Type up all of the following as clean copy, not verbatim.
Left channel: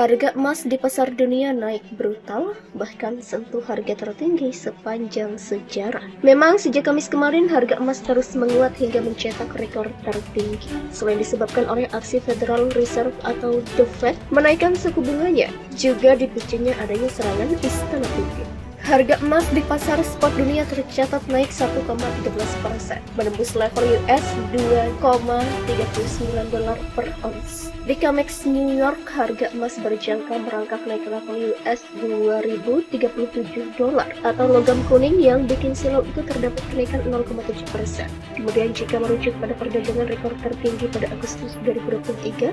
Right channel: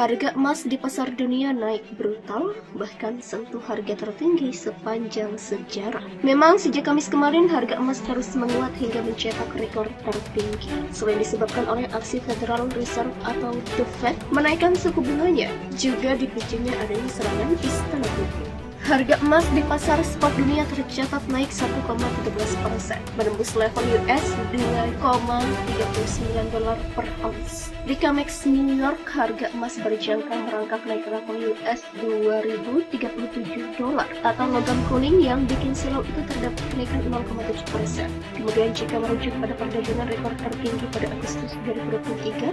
Harga emas di pasar dunia naik brutal, bahkan sentuh harga tertinggi sepanjang sejarah. Memang sejak Kamis kemarin harga emas terus menguat hingga mencetak rekor tertinggi. Selain disebabkan oleh aksi Federal Reserve atau The Fed menaikkan suku bunganya, juga dipicunya adanya serangan Istana Putih. Harga emas di pasar spot dunia tercatat naik 1,13%, menembus level US $2,39 per ons. Di COMEX New York, harga emas berjangka merangkak naik ke level US $2.037 atau logam kuning yang bikin silau itu terdapat kenaikan 0,7%. Kemudian jika merujuk pada perdagangan rekor tertinggi pada Agustus 2023,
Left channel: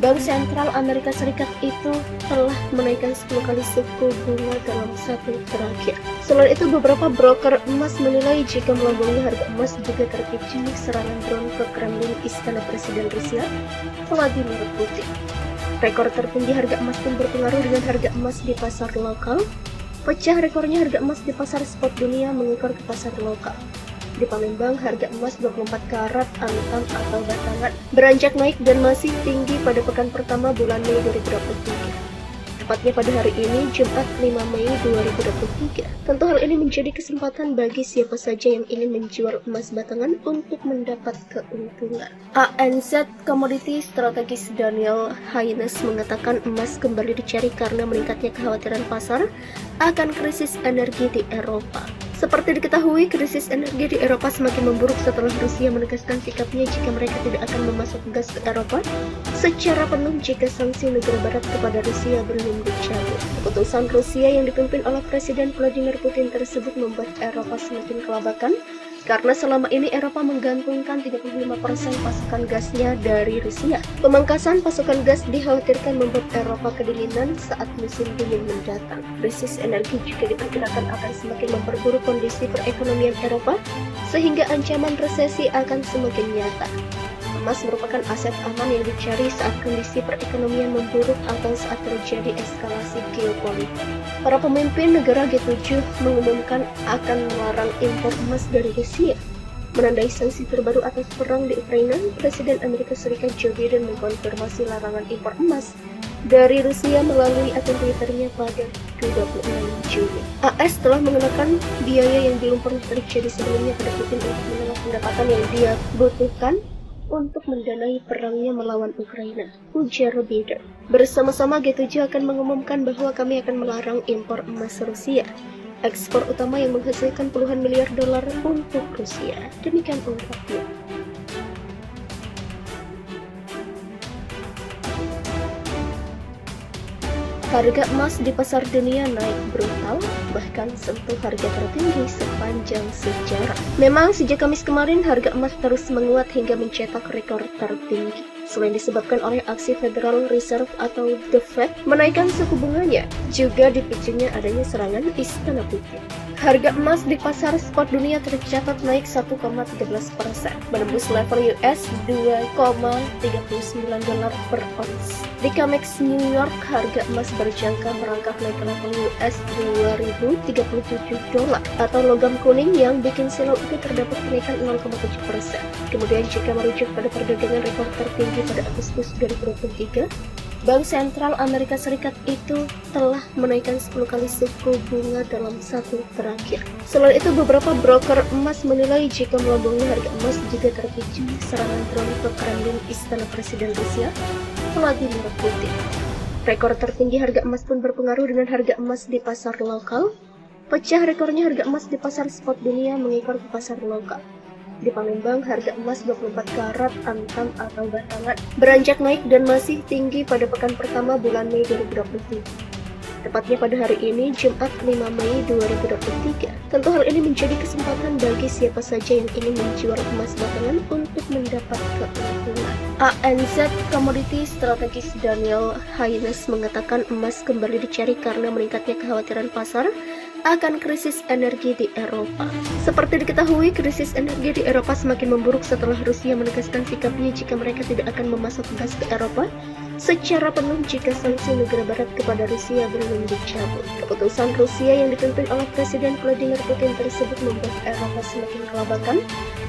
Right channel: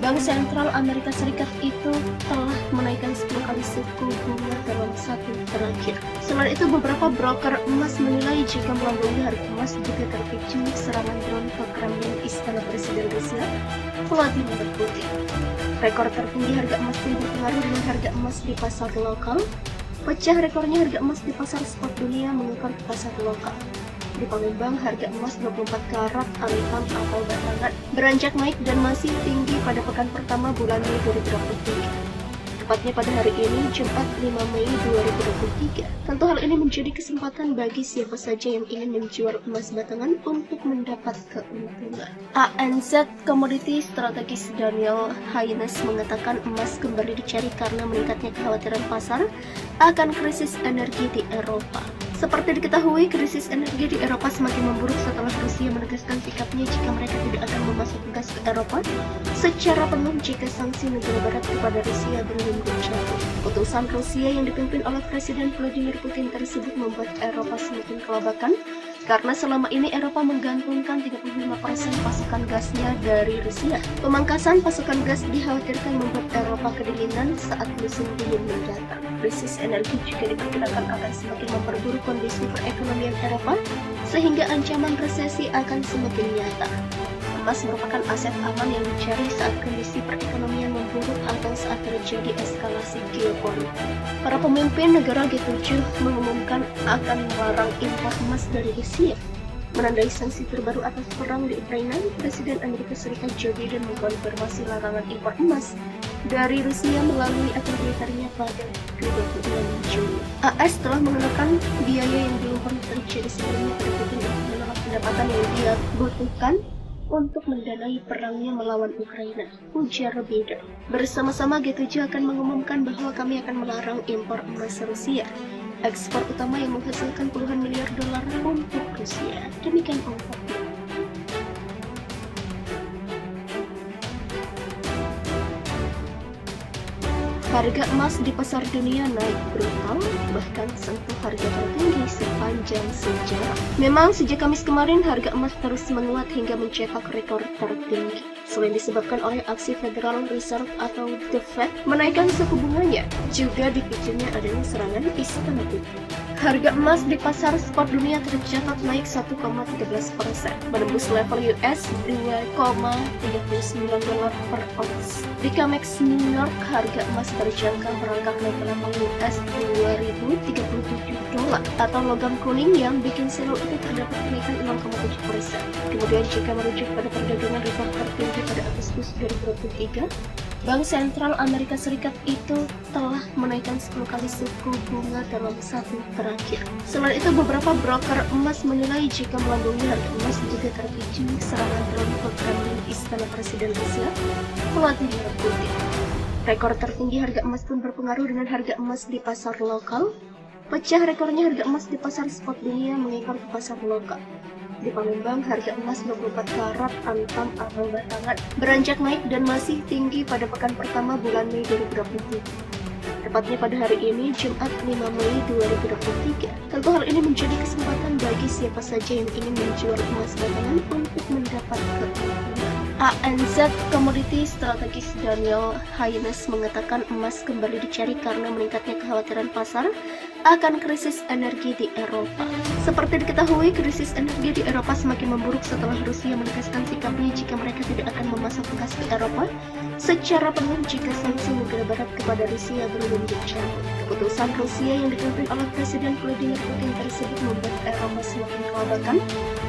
Bank Sentral Amerika Serikat itu telah menaikkan 10 kali suku bunga dalam satu terakhir. Selain itu, beberapa broker emas menilai jika melambungi harga emas juga terpicu serangan drone ke Kremlin Istana Presiden Rusia, Vladimir Putin. Rekor tertinggi harga emas pun berpengaruh dengan harga emas di pasar lokal. Pecah rekornya harga emas di pasar spot dunia mengekor ke pasar lokal. Di Palembang, harga emas 24 karat antam atau batangan beranjak naik dan masih tinggi pada pekan pertama bulan Mei 2023. Tepatnya pada hari ini, Jumat 5 Mei 2023. Tentu hal ini menjadi kesempatan bagi siapa saja yang ingin menjual emas batangan untuk mendapat keuntungan. ANZ Commodity Strategis Daniel Haynes mengatakan emas kembali dicari karena meningkatnya kekhawatiran pasar akan krisis energi di Eropa. Seperti diketahui, krisis energi di Eropa semakin memburuk setelah Rusia menegaskan sikapnya jika mereka tidak akan memasok gas ke Eropa secara penuh jika sanksi negara barat kepada Rusia belum dicabut. Keputusan Rusia yang dipimpin oleh Presiden Vladimir Putin tersebut membuat Eropa semakin kelabakan karena selama ini Eropa menggantungkan 35% pasokan gasnya dari Rusia. Pemangkasan pasokan gas dikhawatirkan membuat Eropa kedinginan saat musim dingin mendatang. Krisis energi juga diperkirakan akan semakin memperburuk kondisi perekonomian Eropa, sehingga ancaman resesi akan semakin nyata. Emas merupakan aset aman yang dicari saat kondisi perekonomian memburuk atau saat terjadi eskalasi geopolitik. Para pemimpin negara G7 mengumumkan akan melarang impor emas dari Rusia. Menandai sanksi terbaru atas perang di Ukraina, Presiden Amerika Serikat Joe Biden mengkonfirmasi larangan impor emas dari Rusia melalui akun Twitternya pada 26 Juni. AS telah mengenakan biaya yang belum pernah terjadi sebelumnya pada Putin untuk menolak pendapatan yang dia butuhkan untuk mendanai perangnya melawan Ukraina, ujar Biden. Bersama-sama G7 akan mengumumkan bahwa kami akan melarang impor emas Rusia, ekspor utama yang menghasilkan puluhan miliar dolar untuk Rusia. Demikian ungkapnya. Harga emas di pasar dunia naik brutal, bahkan sentuh harga tertinggi sepanjang sejarah. Memang sejak Kamis kemarin harga emas terus menguat hingga mencetak rekor tertinggi. Selain disebabkan oleh aksi Federal Reserve atau The Fed menaikkan suku bunganya, juga dipicunya adanya serangan Istana Putih. Harga emas di pasar spot dunia tercatat naik 1,13%, menembus level US $2,39 per ons. Di COMEX New York, harga emas berjangka merangkak naik ke level US $2.037 atau logam kuning yang bikin silau itu terdapat kenaikan 0,7%. Kemudian jika merujuk pada perdagangan rekor tertinggi pada Agustus 2023, Bank Sentral Amerika Serikat itu telah menaikkan 10 kali suku bunga dalam satu terakhir. Selain itu, beberapa broker emas menilai jika melambungi harga emas juga terpicu serangan drone ke Kremlin Istana Presiden Rusia, Vladimir Putin. Rekor tertinggi harga emas pun berpengaruh dengan harga emas di pasar lokal. Pecah rekornya harga emas di pasar spot dunia mengekor ke pasar lokal. Di Palembang, harga emas 24 karat antam atau batangan beranjak naik dan masih tinggi pada pekan pertama bulan Mei 2023. Tepatnya pada hari ini, Jumat 5 Mei 2023. Tentu hal ini menjadi kesempatan bagi siapa saja yang ingin menjual emas batangan untuk mendapat keuntungan. ANZ Commodity Strategis Daniel Haynes mengatakan emas kembali dicari karena meningkatnya kekhawatiran pasar akan krisis energi di Eropa. Seperti diketahui, krisis energi di Eropa semakin memburuk setelah Rusia menegaskan sikapnya jika mereka tidak akan memasok gas ke Eropa secara penuh jika sanksi negara barat kepada Rusia belum dicabut. Keputusan Rusia yang dipimpin oleh Presiden Vladimir Putin tersebut membuat Eropa semakin kelabakan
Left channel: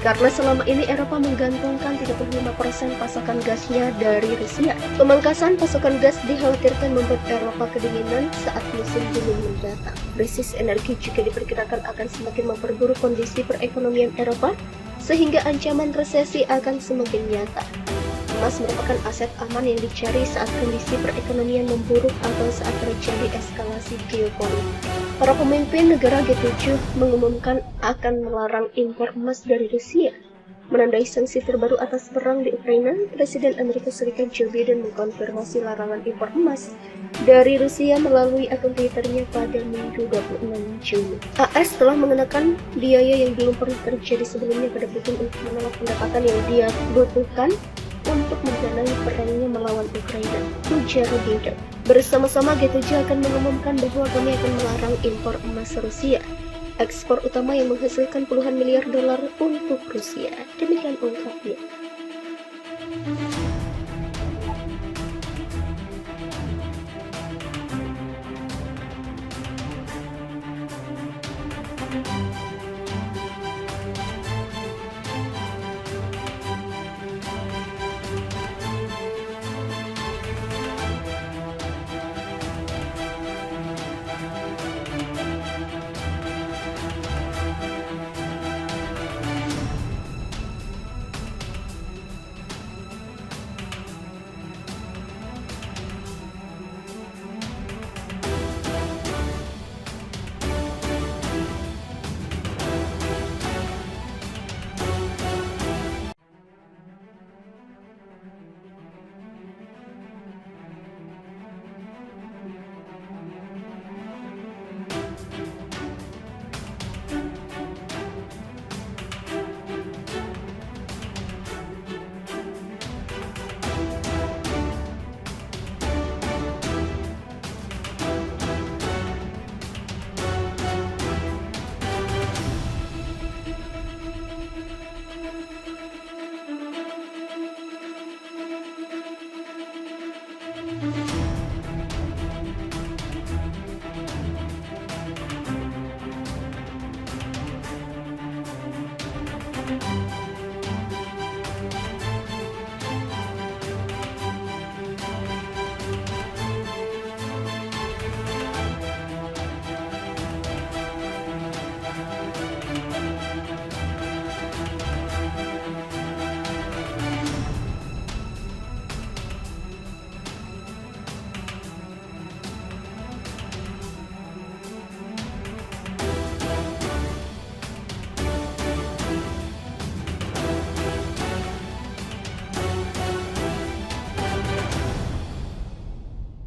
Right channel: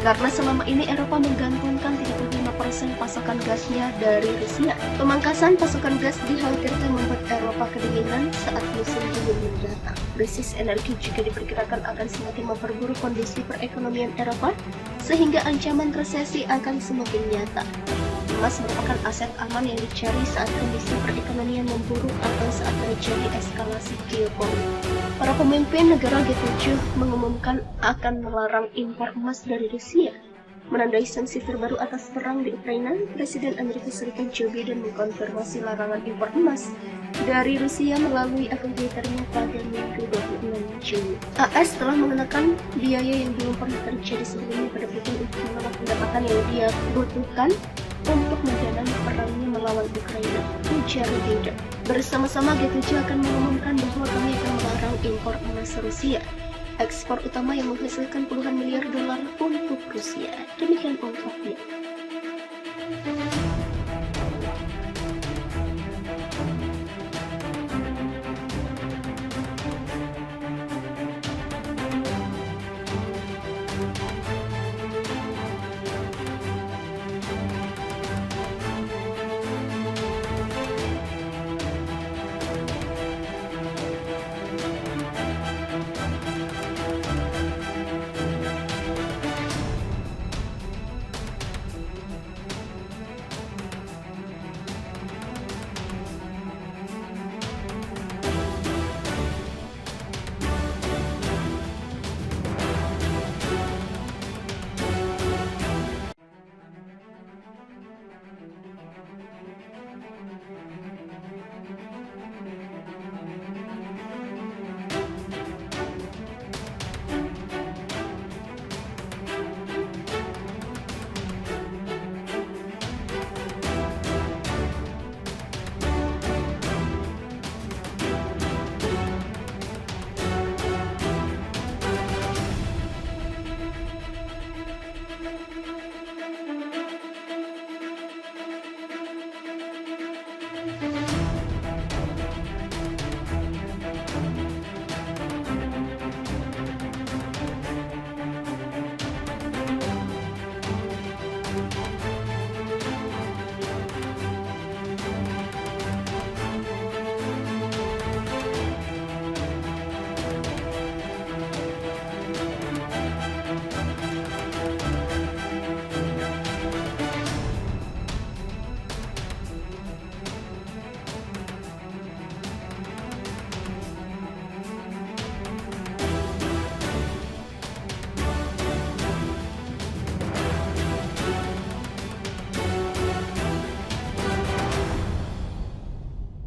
karena selama ini Eropa menggantungkan 35% pasokan gasnya dari Rusia. Pemangkasan pasokan gas dikhawatirkan membuat Eropa kedinginan saat musim dingin mendatang. Krisis energi juga diperkirakan akan semakin memperburuk kondisi perekonomian Eropa, sehingga ancaman resesi akan semakin nyata. Emas merupakan aset aman yang dicari saat kondisi perekonomian memburuk atau saat terjadi eskalasi geopolitik. Para pemimpin negara G7 mengumumkan akan melarang impor emas dari Rusia. Menandai sanksi terbaru atas perang di Ukraina, Presiden Amerika Serikat Joe Biden mengkonfirmasi larangan impor emas dari Rusia melalui akun Twitternya pada Minggu 26 Juni. AS telah mengenakan biaya yang belum pernah terjadi sebelumnya pada Putin untuk menolak pendapatan yang dia butuhkan untuk mendanai perangnya melawan Ukraina, ujar Biden. Bersama-sama G7 akan mengumumkan bahwa kami akan melarang impor emas Rusia, ekspor utama yang menghasilkan puluhan miliar dolar untuk Rusia. Demikian ungkapnya.